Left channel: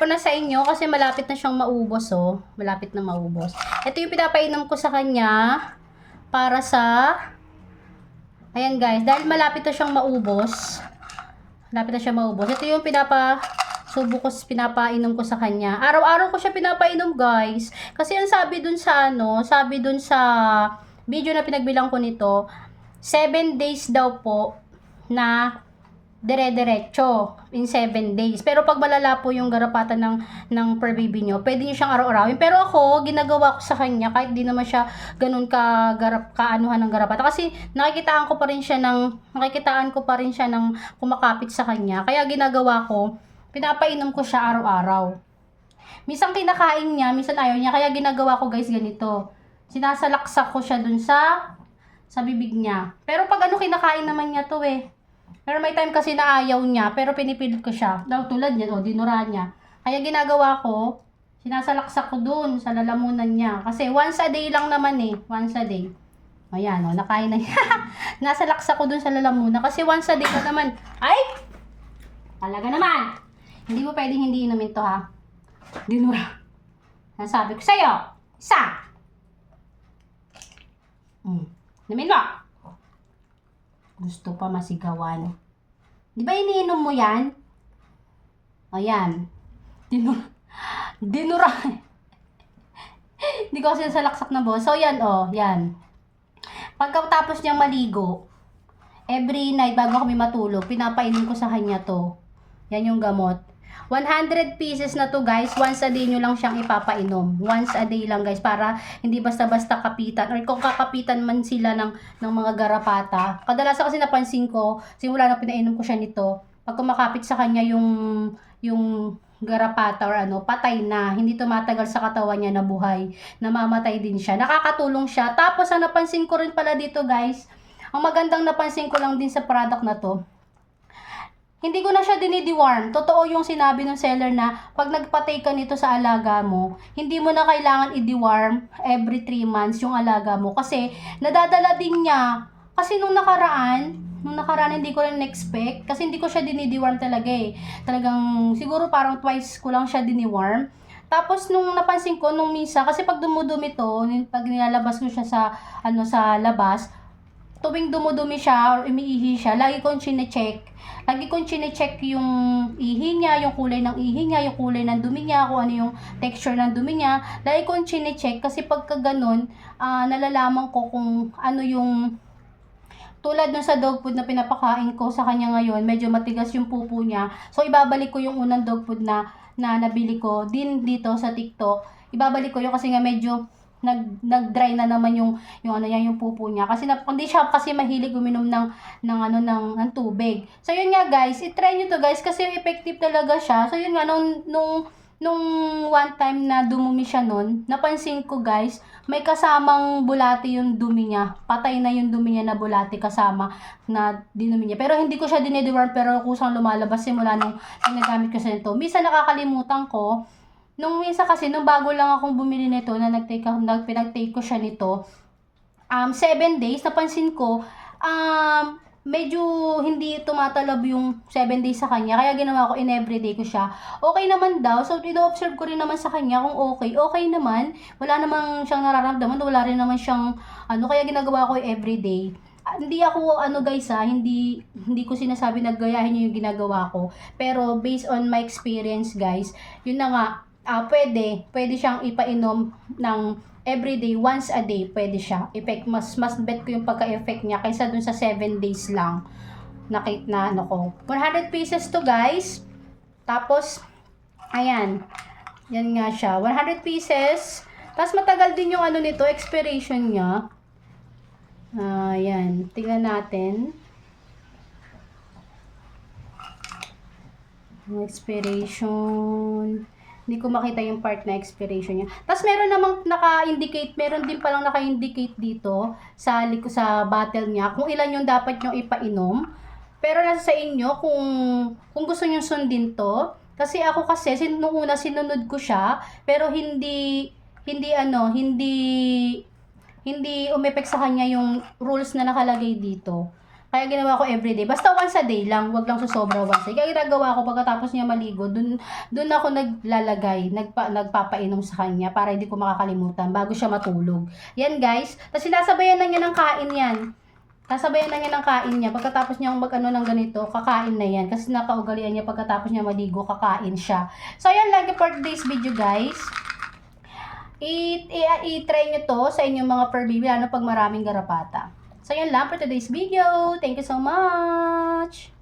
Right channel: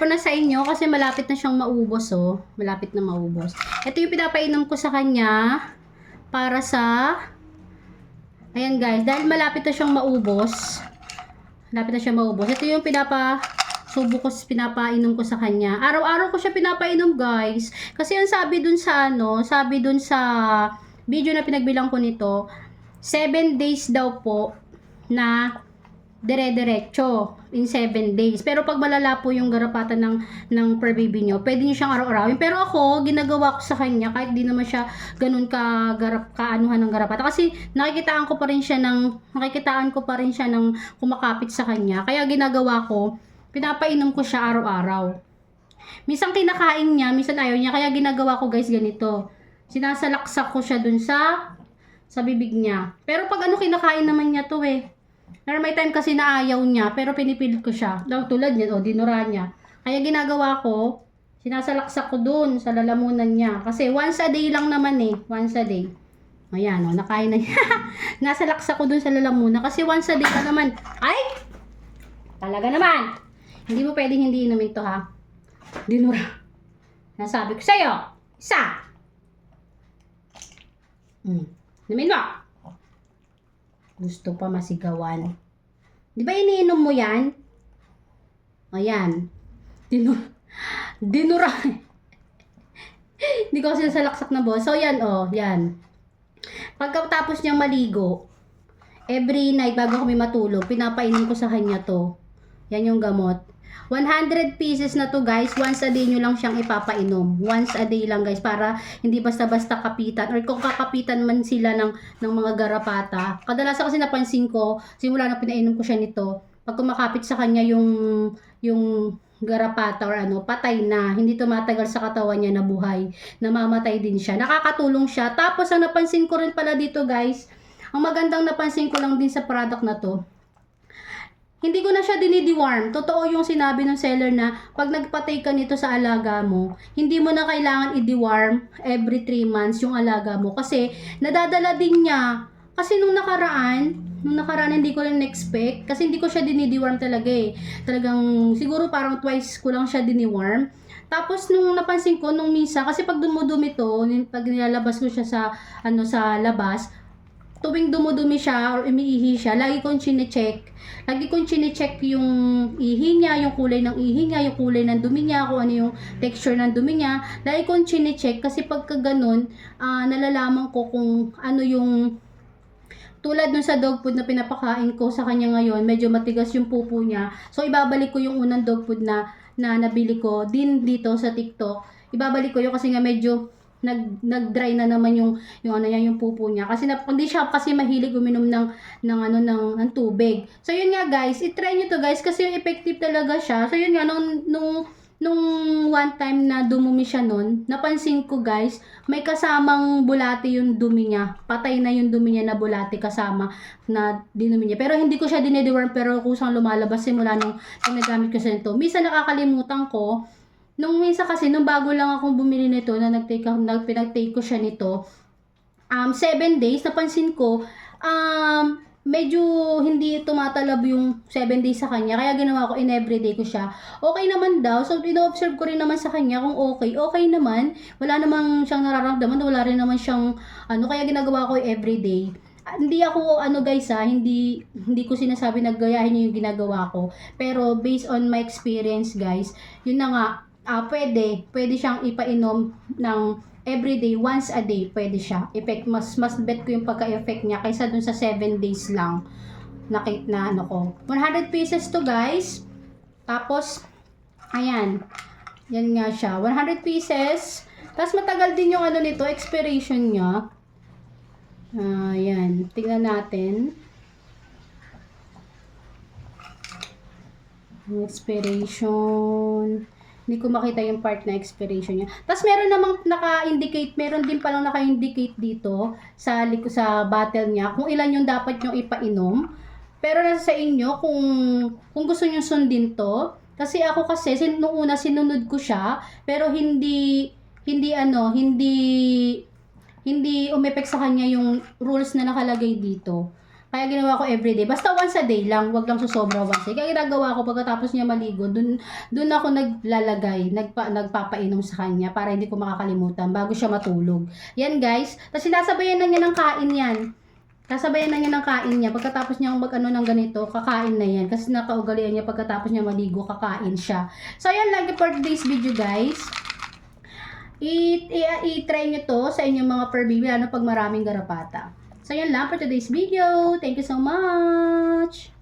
ko na sa inyo kasi malapit na siyang maubos, oh. Malapit na maubos. Ito yung pinapainom ko sa kanya para sa... Ayan guys, dahil malapit na siyang maubos. Malapit na siyang maubos. Ito yung pinapainom ko sa kanya. Araw-araw ko siya pinapainom, guys. Kasi ang sabi dun sa video na pinagbilang ko nito, 7 days daw po na dire-diretso in 7 days. Pero pag malala po yung garapatan ng per baby nyo, pwede nyo siyang araw-arawin. Pero ako, ginagawa ko sa kanya, kahit di naman siya ganun kaanuhan ng garapata. Kasi nakikitaan ko pa rin siya ng kumakapit sa kanya. Kaya ginagawa ko, pinapainom ko siya araw-araw. Minsan kinakain niya, minsan ayaw niya. Kaya ginagawa ko guys ganito. Sinasalaksak ko siya dun sa bibig niya. Pero pag kinakain naman niya to eh. Pero may time kasi na ayaw niya, pero pinipilit ko siya. Tulad niya, dinura niya. Kaya ginagawa ko, sinasalaksak ko dun sa lalamunan niya. Kasi once a day lang naman eh. Once a day. Ayan, nakain na niya. Nasalaksak ko dun sa lalamunan. Kasi once a day naman. Ay! Talaga naman! Hindi mo pwedeng hindi inumin to ha. Dinura. Nasabi ko sa'yo. Isa! Inumin mo! Gusto pa masigawan. Di ba iniinom mo yan? Ayan. Dinura. Hindi ko kasi salaksak na boss. So yan yan. Pagkatapos niyang maligo, every night bago kami matulog, pinapainom ko sa kanya to. Yan yung gamot. 100 pieces na to guys, once a day nyo lang siyang ipapainom. Once a day lang guys, para hindi basta-basta kapitan, or kung kakapitan man sila ng mga garapata. Kadalasan kasi napansin ko, simula na pinainom ko siya nito, pag kumakapit sa kanya yung garapata or patay na, hindi tumatagal sa katawan niya na buhay, namamatay din siya. Nakakatulong siya. Tapos ang napansin ko rin pala dito guys, ang magandang napansin ko lang din sa product na to, hindi ko na siya dinideworm. Totoo yung sinabi ng seller na pag nagpatay ka nito sa alaga mo, hindi mo na kailangan i-deworm every 3 months yung alaga mo. Kasi nadadala din niya. Kasi nung nakaraan hindi ko rin expect. Kasi hindi ko siya dinideworm talaga eh. Talagang siguro parang twice ko lang siya diniworm. Tapos nung napansin ko, nung misa, kasi pag dumudumi to, pag nilalabas ko siya sa labas, tuwing dumudumi siya or umiihi siya, lagi kong chine-check. Lagi kong chine-check yung ihi niya, yung kulay ng ihi niya, yung kulay ng dumi niya, kung ano yung texture ng dumi niya. Lagi kong chine-check kasi pagka ganun, nalalaman ko kung ano yung tulad dun sa dog food na pinapakain ko sa kanya ngayon, medyo matigas yung pupo niya. So ibabalik ko yung unang dog food na nabili ko din dito sa TikTok. Ibabalik ko yun kasi nga medyo nag-dry na naman yung pupo niya kasi hindi siya kasi mahilig uminom ng tubig. So yun nga guys, i-try niyo to guys kasi effective talaga siya. So yun nga nung one time na dumumi siya nun, napansin ko guys, may kasamang bulati yung dumi niya. Patay na yung dumi niya na bulati kasama na dinumi niya. Pero hindi ko siya dinideworm, pero kusang lumalabas simula nung ginagamit ko sa ito. Minsan nakakalimutan ko. Nung minsan kasi, nung bago lang akong bumili nito, na pinag-take ko siya nito, 7 days, napansin ko, medyo hindi tumatalab yung 7 days sa kanya. Kaya ginawa ko, in everyday ko siya. Okay naman daw. So, ino-observe ko rin naman sa kanya kung okay. Okay naman. Wala namang siyang nararamdaman. Wala rin naman siyang, kaya ginagawa ko everyday. Hindi ako, guys hindi ko sinasabi na gayahin niyo yung ginagawa ko. Pero, based on my experience, guys, yun na nga, pwede siyang ipainom ng everyday, once a day, pwede siya. Mas bet ko yung pagka-effect niya kaysa dun sa 7 days lang na 100 pieces to guys. Tapos, ayan. Yan nga siya. 100 pieces. Tapos matagal din yung nito, expiration niya. Ayan. Tingnan natin. Expiration. Hindi ko makita yung part na expiration niya. Tapos meron namang naka-indicate, meron din palang naka-indicate dito sa bottle niya kung ilan yung dapat nyo ipainom. Pero nasa sa inyo kung gusto nyo sundin to. Kasi ako nung una sinunod ko siya, pero hindi umepek sa kanya yung rules na nakalagay dito. Kaya ginawa ko everyday. Basta once a day lang, wag lang susobra once a day. Kaya ginagawa ko pagkatapos niya maligo, dun ako naglalagay, nagpapainom sa kanya para hindi ko makakalimutan bago siya matulog. Yan guys. Tapos sinasabayan na niya ng kain yan. Sasabayan na niya ng kain niya. Pagkatapos niya mag-ano ng ganito, kakain na yan. Kasi napaugalian niya pagkatapos niya maligo, kakain siya. So ayan lagi for today's video guys. I-try nyo to sa inyong mga fur baby, lalo pag maraming garapata. So yan lang for today's video. Thank you so much!